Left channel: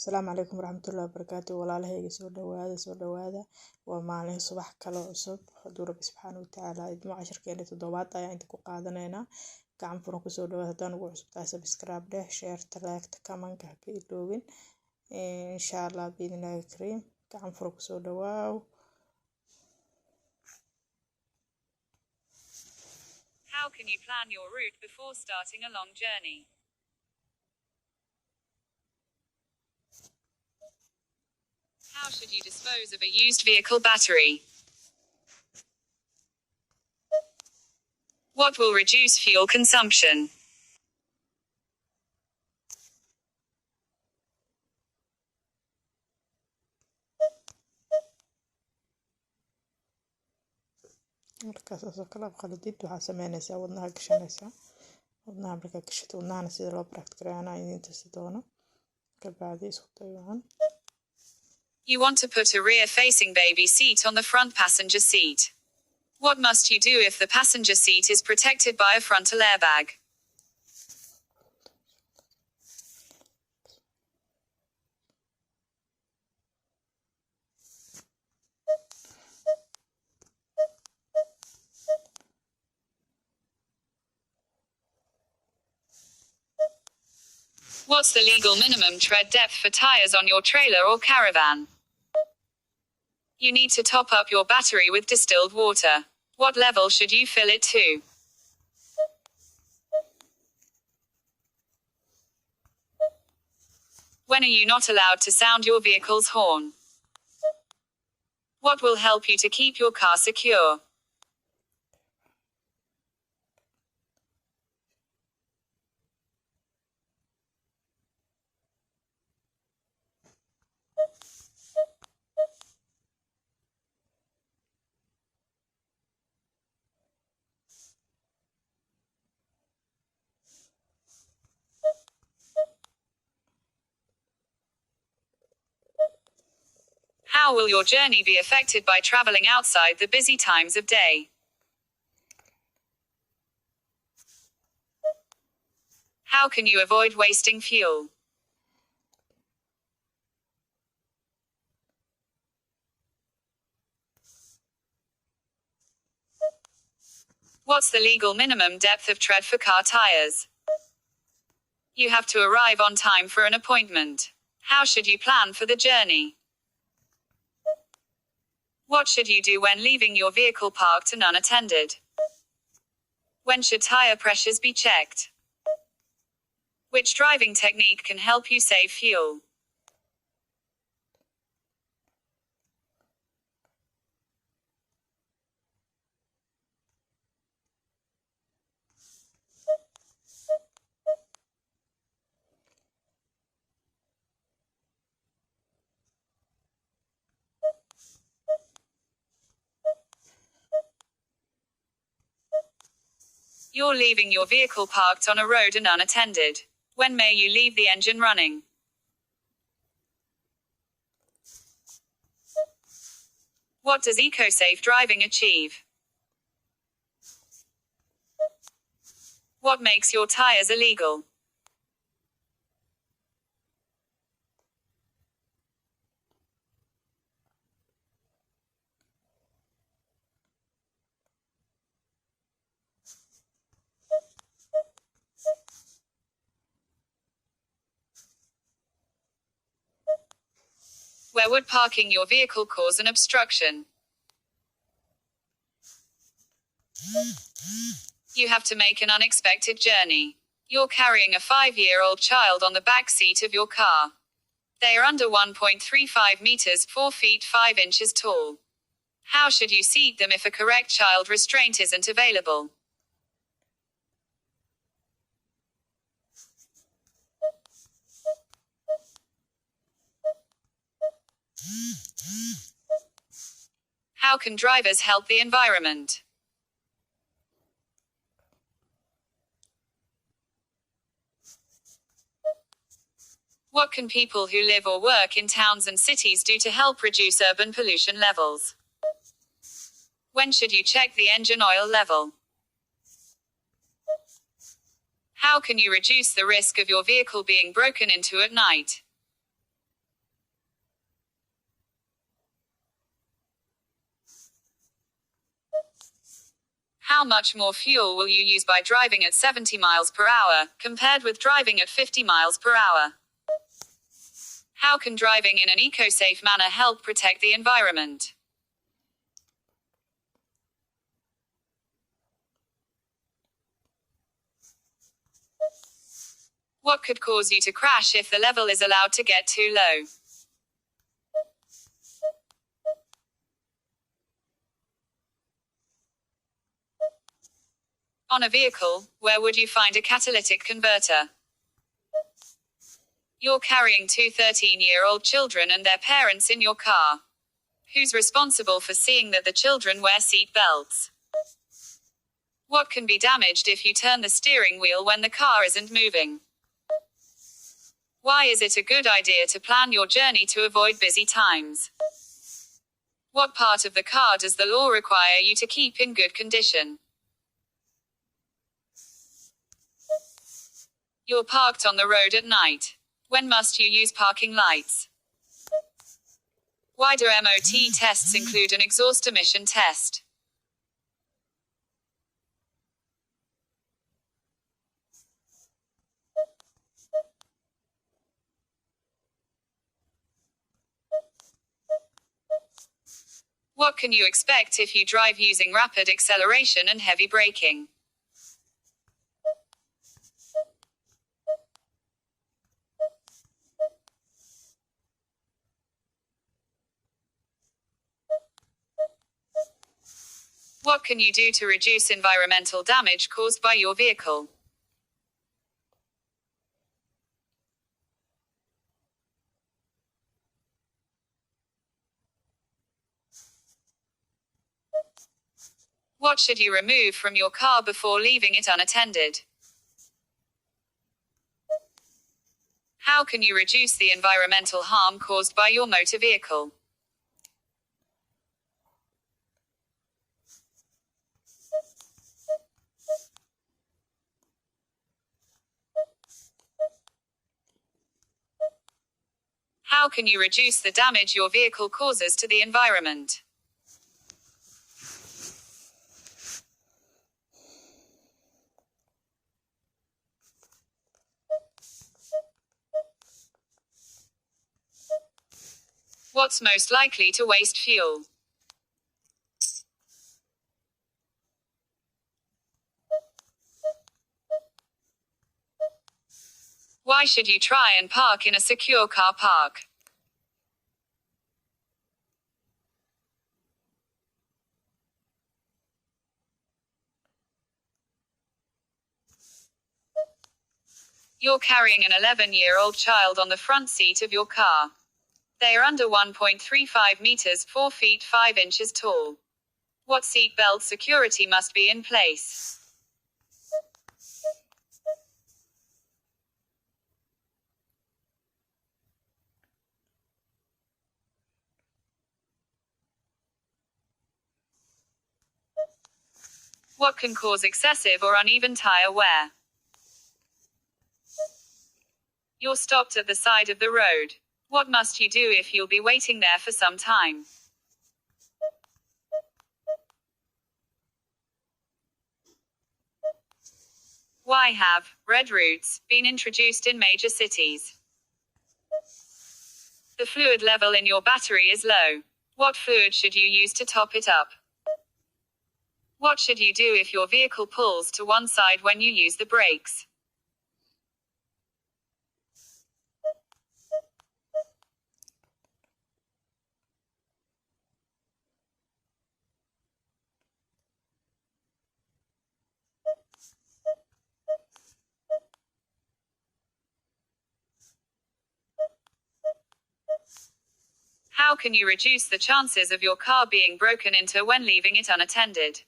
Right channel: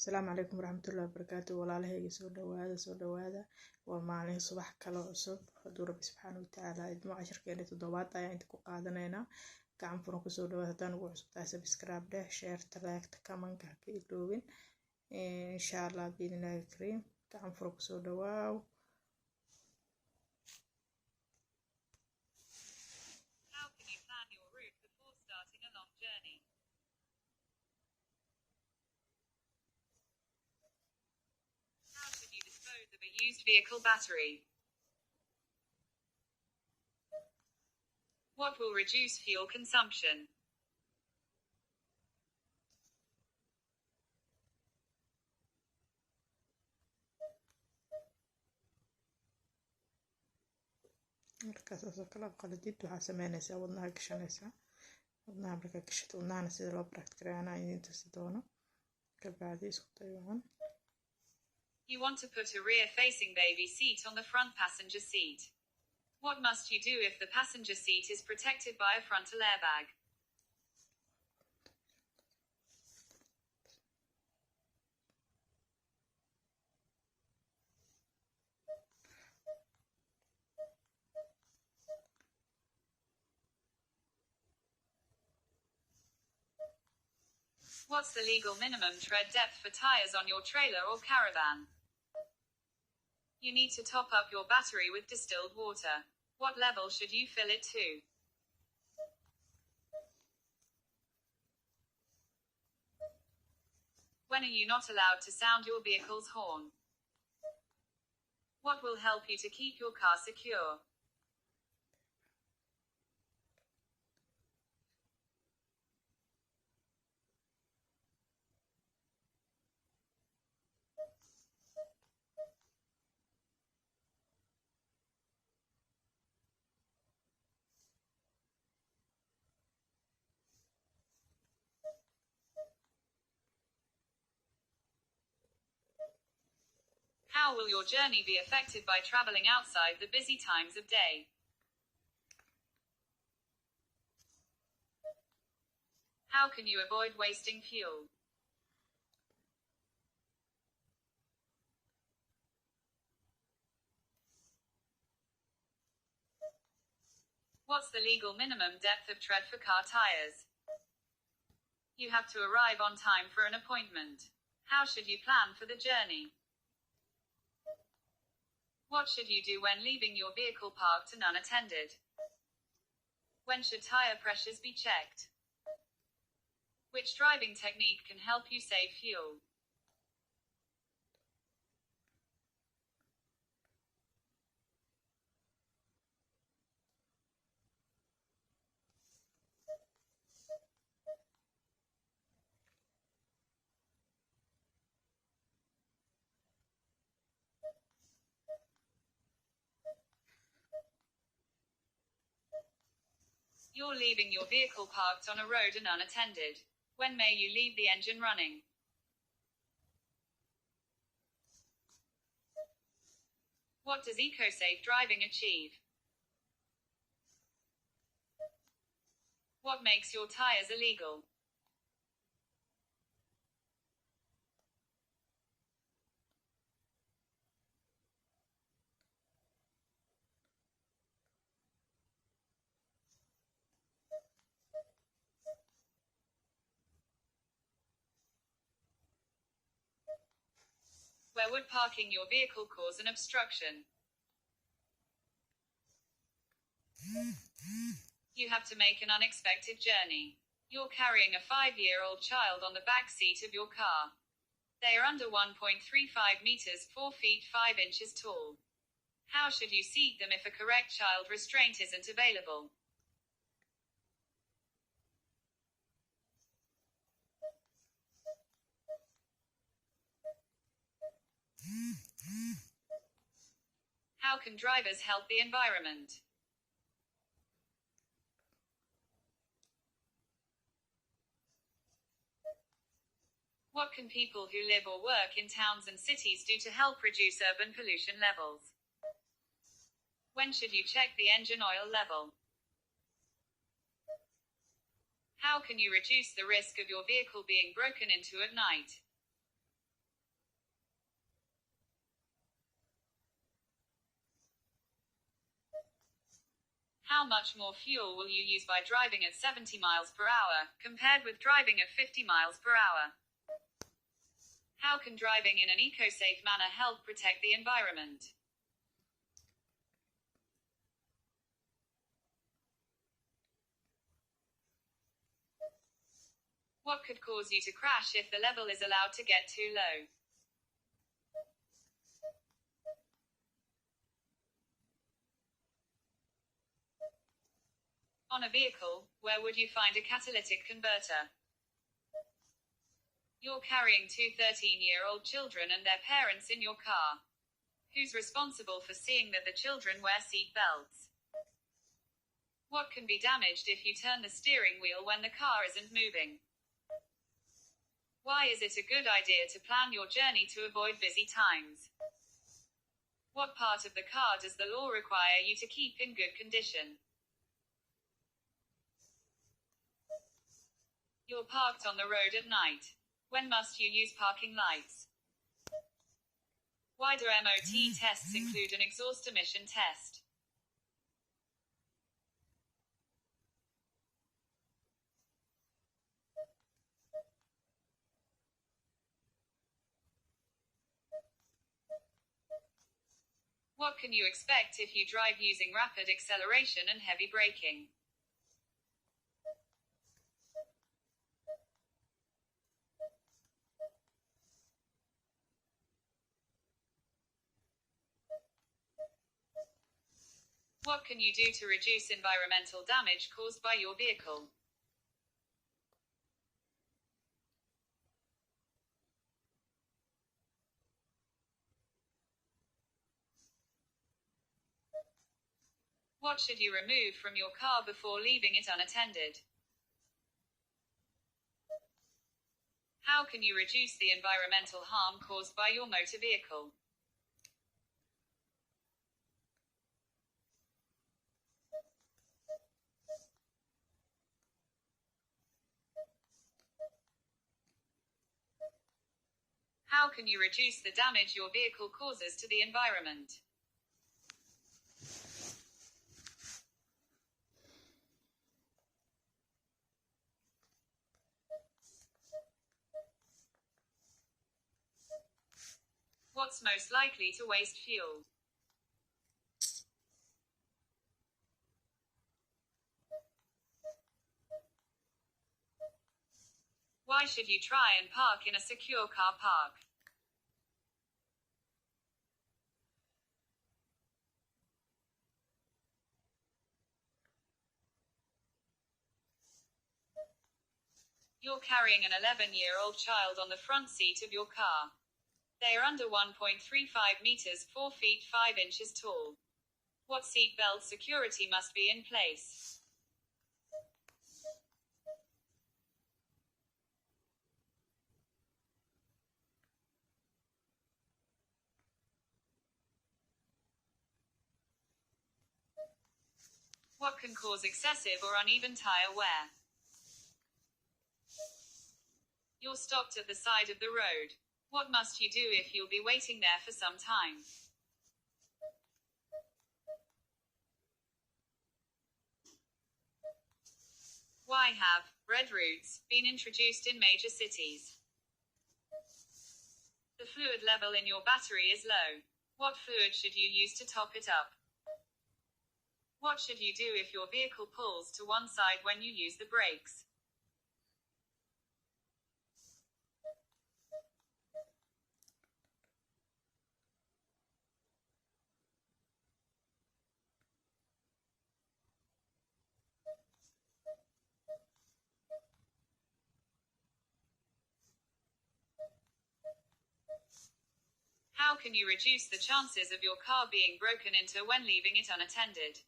Asalaamu calaykum waraxmatullaahi wabarakaatu. Walaalahayga soo dhawaada waa maalin subax kale cusub hadduu Rabbi subxaanahu wa tacaala idmo casharkeena toddobaad ayaa inta ku qaadanaynaa. Gacan furan kusoo dhawaada haddaan ugu cusub tahay subscribe dheh, share, like, comment ha ka iloobin. Insha Allah biidhnillaahi kariim. Gacan furan kusoo dhawaaw. How can you plan your route before starting a long journey? How should you dispose of a used vehicle battery? What will reduce fuel consumption? Markaas oo kala qaladid waxaa sameynaysaa wadnaha gashanaysaa. Wadnaha markaa gashito wadnahana sida loo practice-gareynaa idin tusi doono. Ka bacdi isku day wacan. You want to put a rear-facing baby seat on the front passenger seat. What must you do if the passenger seat is protected by a frontal airbag? What's the legal minimum tread depth for tires on your trailer or caravan? You need to top up your battery with distilled water. What level should you fill it to? When are you not allowed to sound your vehicle's horn? What will help you to keep your car secure? How will your journey be affected by traveling outside the busy times of day? How can you avoid wasting fuel? What's the legal minimum depth of tread for car tires? You have to arrive on time for an appointment. How should you plan for the journey? What should you do when leaving your vehicle parked and unattended? When should tire pressures be checked? Which driving technique can help you save fuel? You're leaving your vehicle parked on a road and unattended. When may you leave the engine running? What does eco-safe driving achieve? What makes your tires illegal? Where would parking your vehicle cause an obstruction? You have to make an unexpected journey. You're carrying a 5-year-old child on the back seat of your car. They are under 1.35 meters, 4 feet 5 inches tall. How should you seat them if a correct child restraint isn't available? How can drivers help the environment? What can people who live or work in towns and cities do to help reduce urban pollution levels? When should you check the engine oil level? How can you reduce the risk of your vehicle being broken into at night? How much more fuel will you use by driving at 70 miles per hour, compared with driving at 50 miles per hour? How can driving in an eco-safe manner help protect the environment? What could cause you to crash if the level is allowed to get too low? On a vehicle, where would you find a catalytic converter? You're carrying two 13-year-old children and their parents in your car. Who's responsible for seeing that the children wear seat belts? What can be damaged if you turn the steering wheel when the car isn't moving? Why is it a good idea to plan your journey to avoid busy times? What part of the car does the law require you to keep in good condition? You're parked on the road at night. When must you use parking lights? Why do MOT tests include an exhaust emission test? What can you expect if you drive using rapid acceleration and heavy braking? What can you do to reduce environmental damage caused by your vehicle? What should you remove from your car before leaving it unattended? How can you reduce the environmental harm caused by your motor vehicle? How can you reduce the damage your vehicle causes to the environment? What's most likely to waste fuel? Why should you try and park in a secure car park? You're carrying an 11-year-old child on the front seat of your car. They are under 1.35 meters, 4 feet 5 inches tall. What seat belt security must be in place? What can cause excessive or uneven tire wear? You're stopped at the side of the road. What must you do if you'll be waiting there for some time? Why have red routes been introduced in major cities? The fluid level in your battery is low. What fluid should you use to top it up? What should you do if your vehicle pulls to one side when you use the brakes? How can you reduce the chances of your car being broken into when leaving it unattended?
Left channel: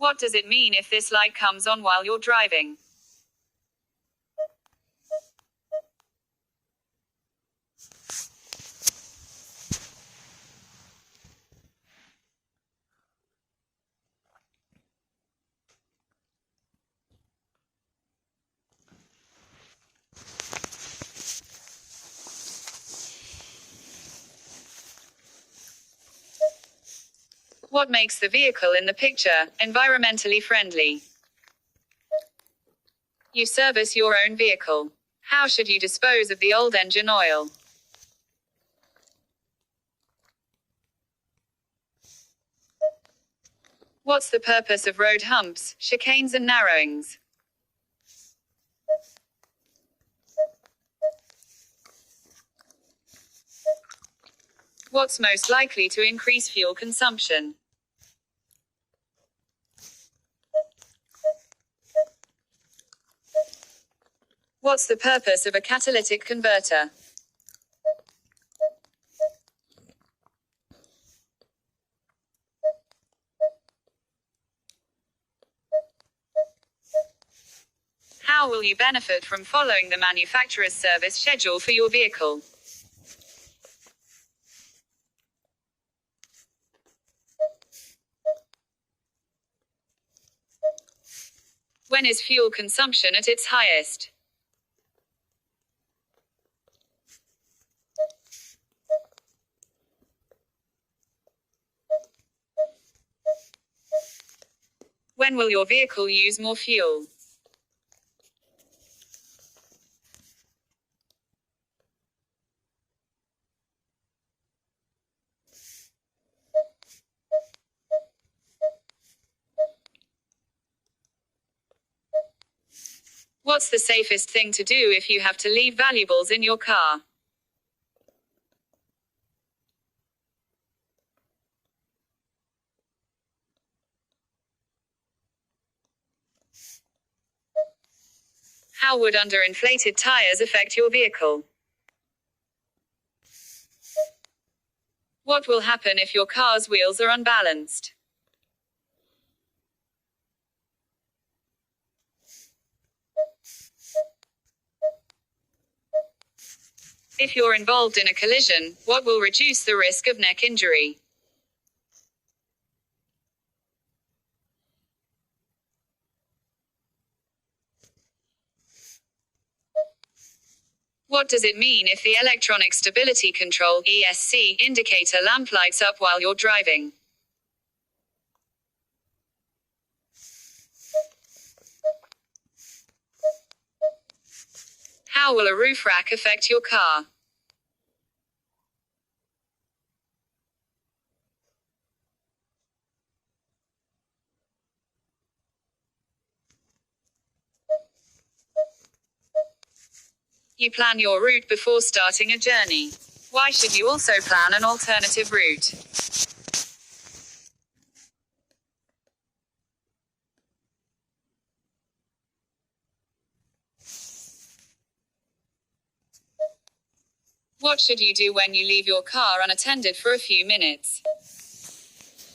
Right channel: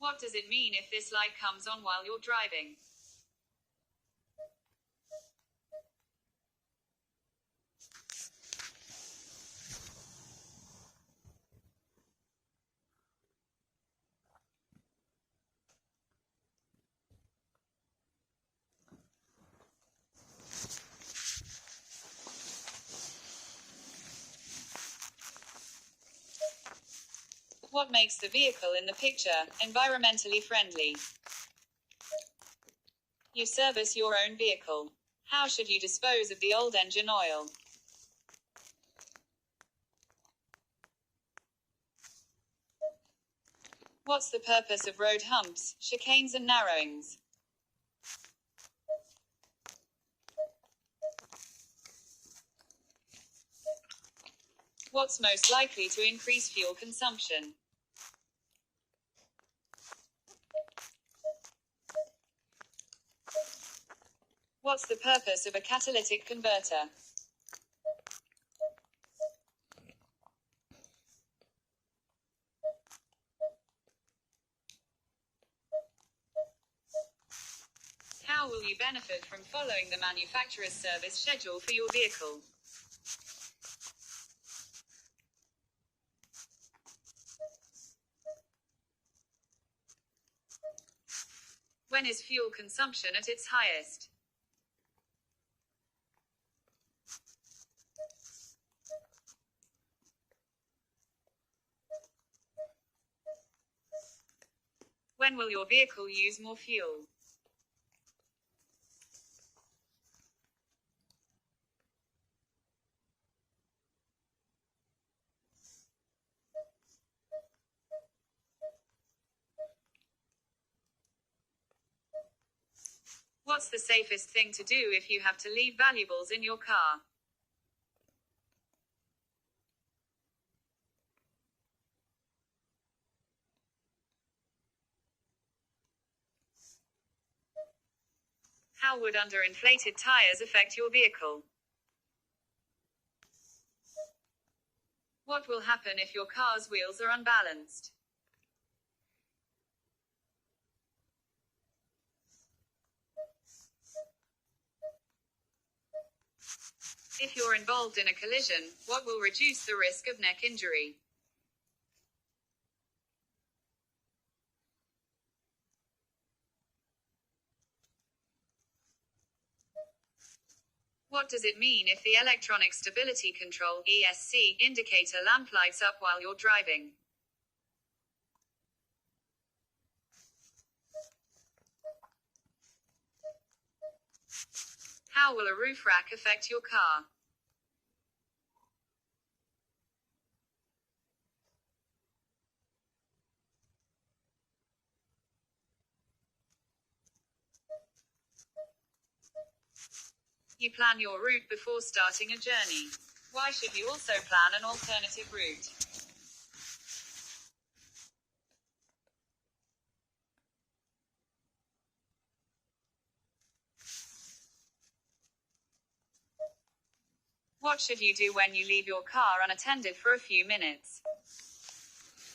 What does it mean if this light comes on while you're driving? What makes the vehicle in the picture environmentally friendly? You service your own vehicle. How should you dispose of the old engine oil? What's the purpose of road humps, chicanes and narrowings? What's most likely to increase fuel consumption? What's the purpose of a catalytic converter? How will you benefit from following the manufacturer's service schedule for your vehicle? When is fuel consumption at its highest? When will your vehicle use more fuel? What's the safest thing to do if you have to leave valuables in your car? How would underinflated tires affect your vehicle? What will happen if your car's wheels are unbalanced? If you're involved in a collision, what will reduce the risk of neck injury? What does it mean if the electronic stability control (ESC) indicator lamp lights up while you're driving? How will a roof rack affect your car? You plan your route before starting a journey. Why should you also plan an alternative route? What should you do when you leave your car unattended for a few minutes?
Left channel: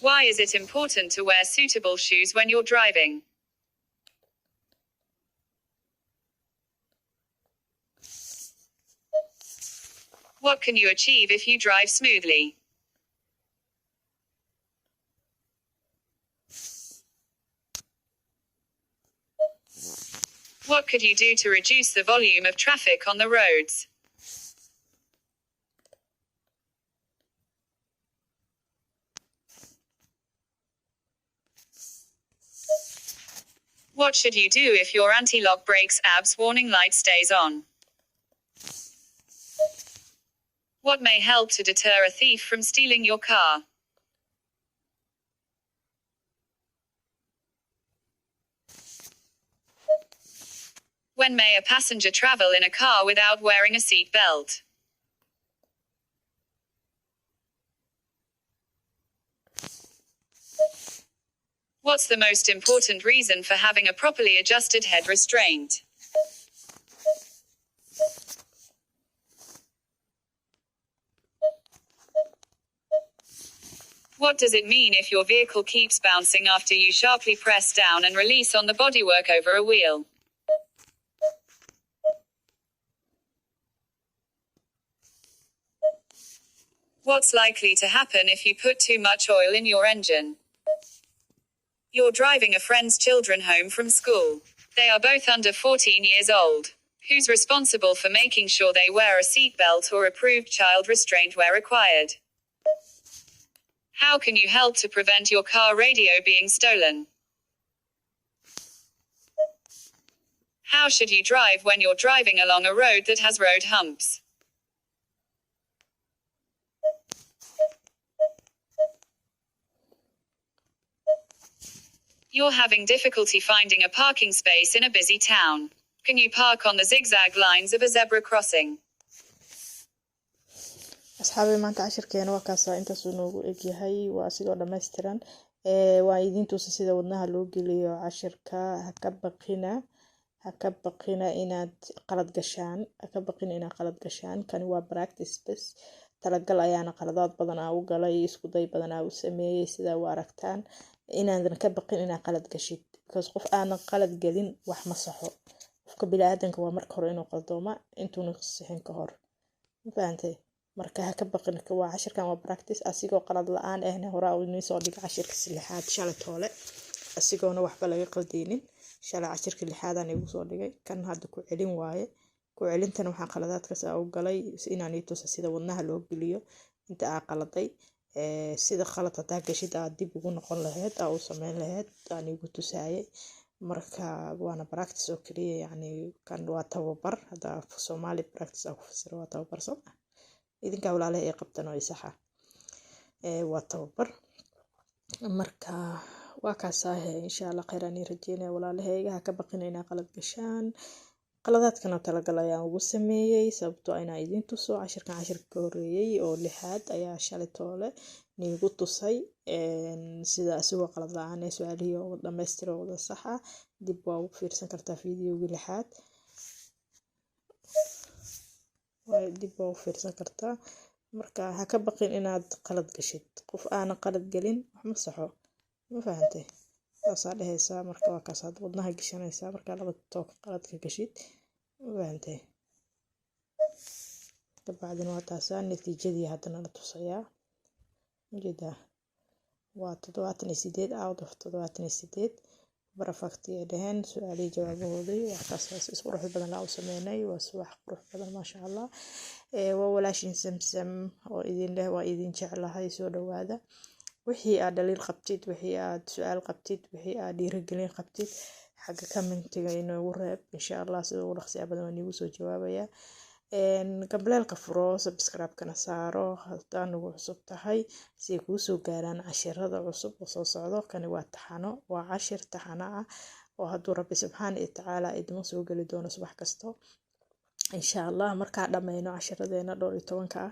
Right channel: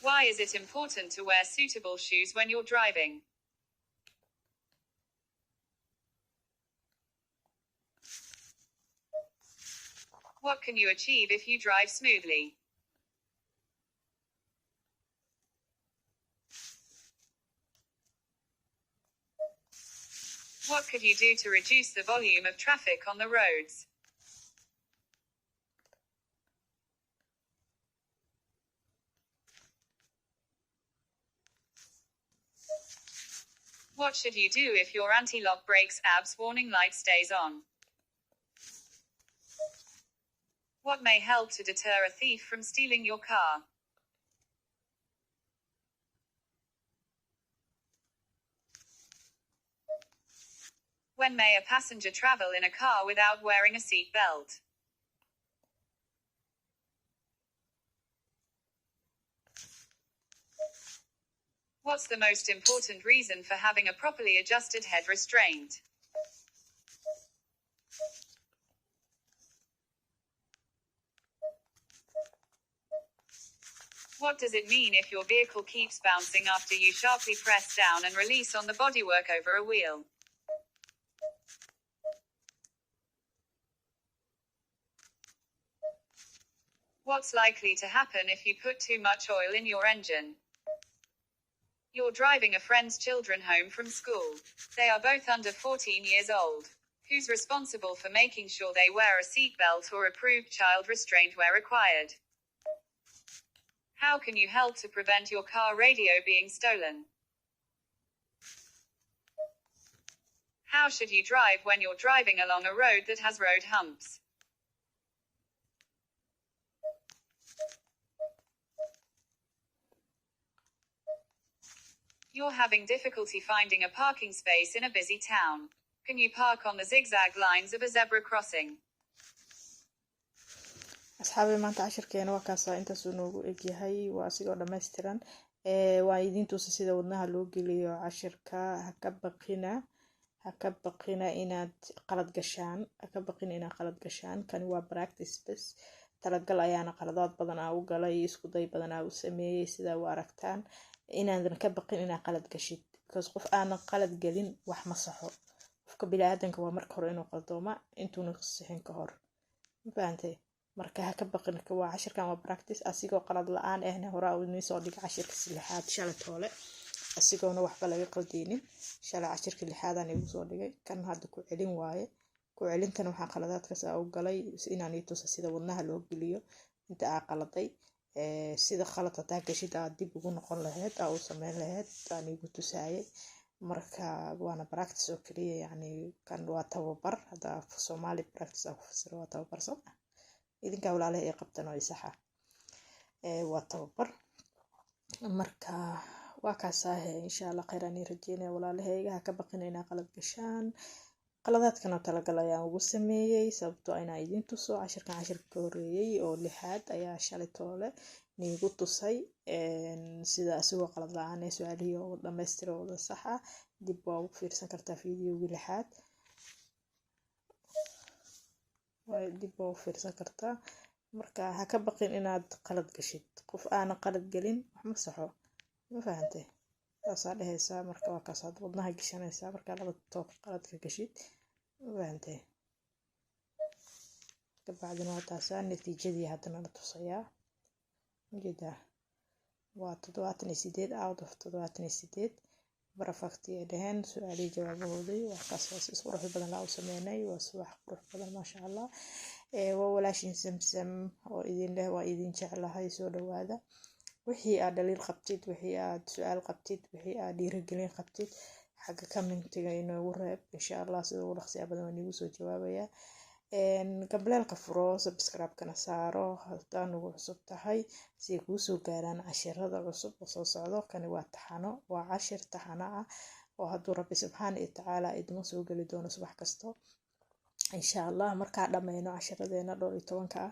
Why is it important to wear suitable shoes when you're driving? What can you achieve if you drive smoothly? What could you do to reduce the volume of traffic on the roads? What should you do if your anti-lock brakes ABS warning light stays on? What may help to deter a thief from stealing your car? When may a passenger travel in a car without wearing a seat belt? What's the most important reason for having a properly adjusted head restraint? What does it mean if your vehicle keeps bouncing after you sharply press down and release on the bodywork over a wheel? What's likely to happen if you put too much oil in your engine? You're driving a friend's children home from school. They are both under 14 years old. Who's responsible for making sure they wear a seatbelt or approved child restraint where required? How can you help to prevent your car radio being stolen? How should you drive when you're driving along a road that has road humps? You're having difficulty finding a parking space in a busy town. Can you park on the zigzag lines of a zebra crossing? asxaabi maanta cashirkeena waa kaasaa intaasuu noogu egyahay waa asigoo dhammaystiran waa idin tusa sida wadnaha loo geliyo cashirka ha ka baqina inaad qalad gashaan kani waa practice bes talagal ayaana qaladaad badan u galay isku day badan u sameeyey sida u aragtaan inaadan ka baqin inaad qalad gashid because qof aanan qalad gelin wax ma saxo qofka bini'aadanka waa marka hore inuu qaldooma intuuna sixin ka hor ma fahantay marka ha ka baqin waa cashirkan waa practice asigoo qalad la-aan ahna hore u inii soo dhig cashirka lixaad shalay toole asigoona waxba laga qaldeynin shalay cashirka lixaadaan igu soo dhigay kan hadda ku celin waaye ku celintana waxaa qaladaadkaas u galay inaan ii tusa sida wadnaha loo geliyo inta aa qaladay sida qalad hadaa gashid aad dib ugu noqon lahayd aa u sameyn lahayd aan igu tusaayay marka waana practice oo kaliya yacni kan waa tababar hadaa Soomaali practice aa ku fasiro waa tababar soo idinka walaalaha ay qabtaan oo isaxa waa tababar marka waa kaasaa insha Allah khayran rajeynaya walaalahayga ha ka baqinayna qalad gashaan qaladaadkana talagal ayaan ugu sameeyay sababtoo inaan idin tuso cashirka horeeyay oo lixaad ayaa shalay toole niigu tusay sida asigoo qalad la-aan su'aalihii oo dhammaystiran oo sax ah dib waa u fiirsan kartaa fiidiyowga lixaad marka ha ka baqin inaad qalad gashid qof aanan qalad gelin wax ma saxo ma fahantay saasaa dhehaysaa marka waa kaasaad wadnaha gashanaysaa markaa laba toog qaladka gashid ma fahantay kabacdina waa taasaa natiijadii haddana la tusayaa ujeedaa waa 78 out of 78 barafakti ay dhaheen su-aalihii jawaabahoodii wax kaasaas is qurux badan la u sameynay waa subax qurux badan maasha Allah waa walaashin samsam oo idin leh waa idin jeclahay soo dhawaada wixii aad dhaliil qabtid wixii aad su'aal qabtid wixii aad dhiirigelin qabtid xagga commentiga inoogu reeb insha Allah sidoo ugu dhaqsiya badan waan igu soo jawaabayaa gableelka furo subscribe-kana saaro haddaan ugu cusub tahay si ay kuu soo gaaraan cashirada cusub oo soo socdo kani waa taxano waa cashir taxano ah oo hadduu Rabbi subxaanahu wa ta'aala idimo soo geli doono subax kasto insha Allah markaa dhammayno cashiradeena 12 ah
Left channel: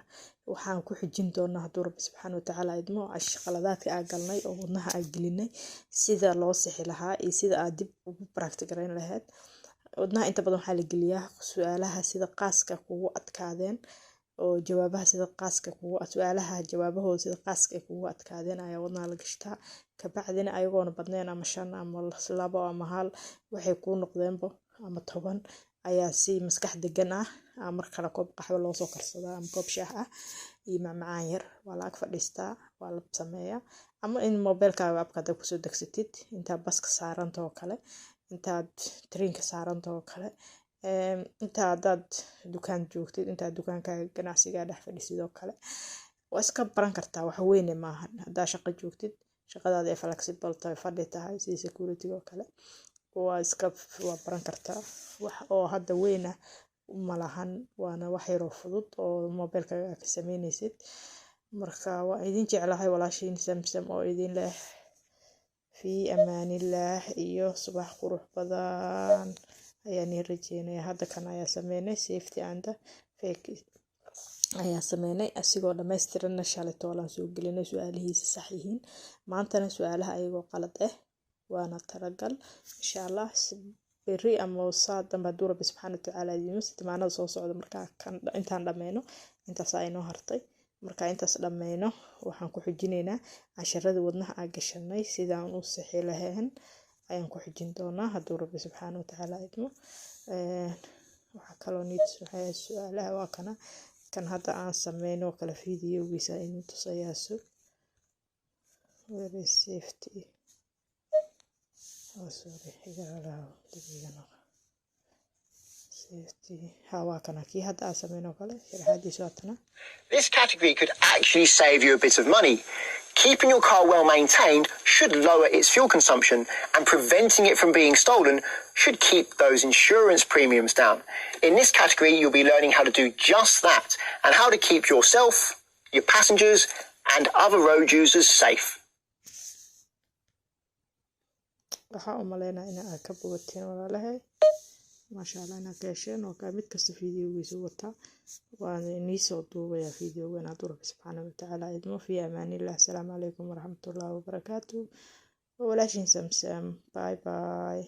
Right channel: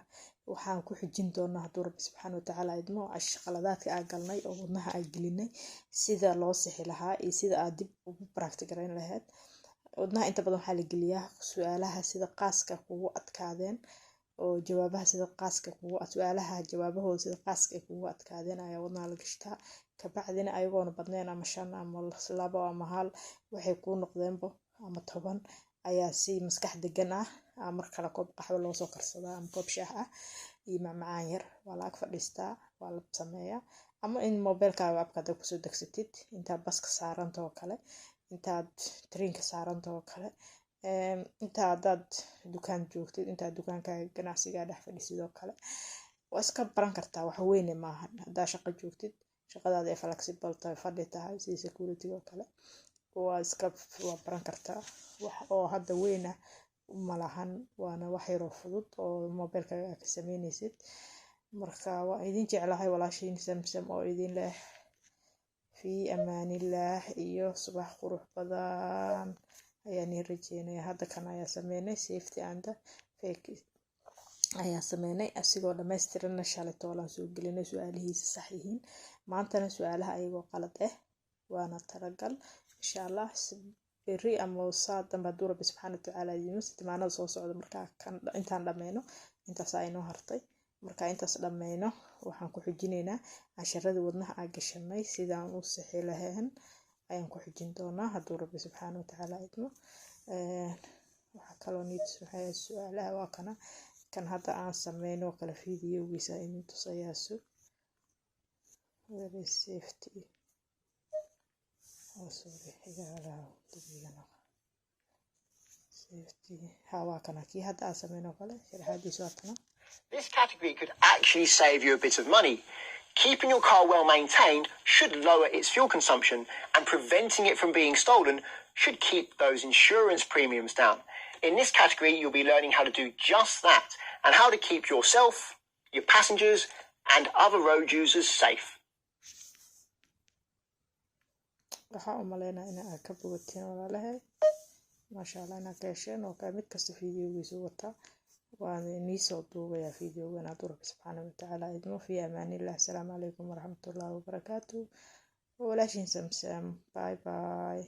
waxaan ku xijin doonaa hadduu Rabbi subxaanahu wa ta'aala idimo qaladaadka aan galnay oo wadnaha aan gelinay sida loo sixi lahaa iyo sida aad dib ugu practice gareyn lahayd wadnaha inta badan waxaa la geliyaa su'aalaha sida qaaska kugu adkaadeen oo jawaabaha sida qaaska kugu su'aalaha jawaabahooda sida qaaska kugu adkaadeen ayaa wadnaha la gashtaa kabacdina ayagoona badneen ama 5 ama 2 ama 1 waxay ku noqdeenbo ama 10 ayaa si maskax degan ah mar kale koob qaxwo loo soo karsadaa ama koob shaah ah iyo macmacaan yar waa la ag fadhiistaa waa la sameeyaa ama in mobilkaaga abkaada ku soo degsatid inta baska saarantoo kale intaad trainka saarantoo kale intaad dukaan joogtid intaad dukaankaaga ganacsiga dhex fadhisidoo kale waa iska baran kartaa wax weyn maahan hadaa shaqo joogtid shaqadaada ay flexible tahay fadhi tahay sida security oo kale waa baran kartaa wax oo hadda weyn ah ma lahan waana wax yar oo fudud oo mobilkaaga ka sameynaysid marka waa idin jeclahay walaashiin samsam oo idin leh fi amaanillah iyo subax qurux badan ayaan rajeynaya hadda kan ayaa sameynay safety and fake ayaa sameynay asigoo dhammaystiran shalay toolan soo gelinay su'aalihiisa sax yihiin maantana su'aalaha ayagoo qalad ah waana talagal insha Allah beri ama saad dambe hadduu Rabbi subxaanahu wa ta'aala idimo timaanada soo socda markaa kan intaan dhammayno intaas ay noo hartay marka intaas dhammayno waxaan ku xijinaynaa casharada wadnaha aan gashanay sidaan u sixi lahayn ayaan ku xijin doonaa hadduu Rabbi subxaanahu wa ta'aala idimo waxa kaloo niid su'aalaha waa kan hadda aan sameyno kala fiidiyowgiisa inuu tusayaa very safety sorry safety waa kana kii hadda aan sameyn oo kale sharaxaadiisu waatana. This category could actually save you a bit of money. Keeping your car well maintained should lower its fuel consumption, and preventing it from being stolen should keep those insurance premiums down. In this category, you'll be learning how to do just that and how to keep yourself, your passengers, and other road users safe. waxaan u maleynayaa in aad ka bogateen walaalahay maasha allah inaad ka hesheen oo mid kasta fiidiyogiisu wata waan inii soo duubayaa fiidiyowga inaad rabbi subxaanahu watacaala idmo fi amaanillah. Asalaamu calaykum waraxmatullaahi wabarakaatu. walaashiin samsam bye bye.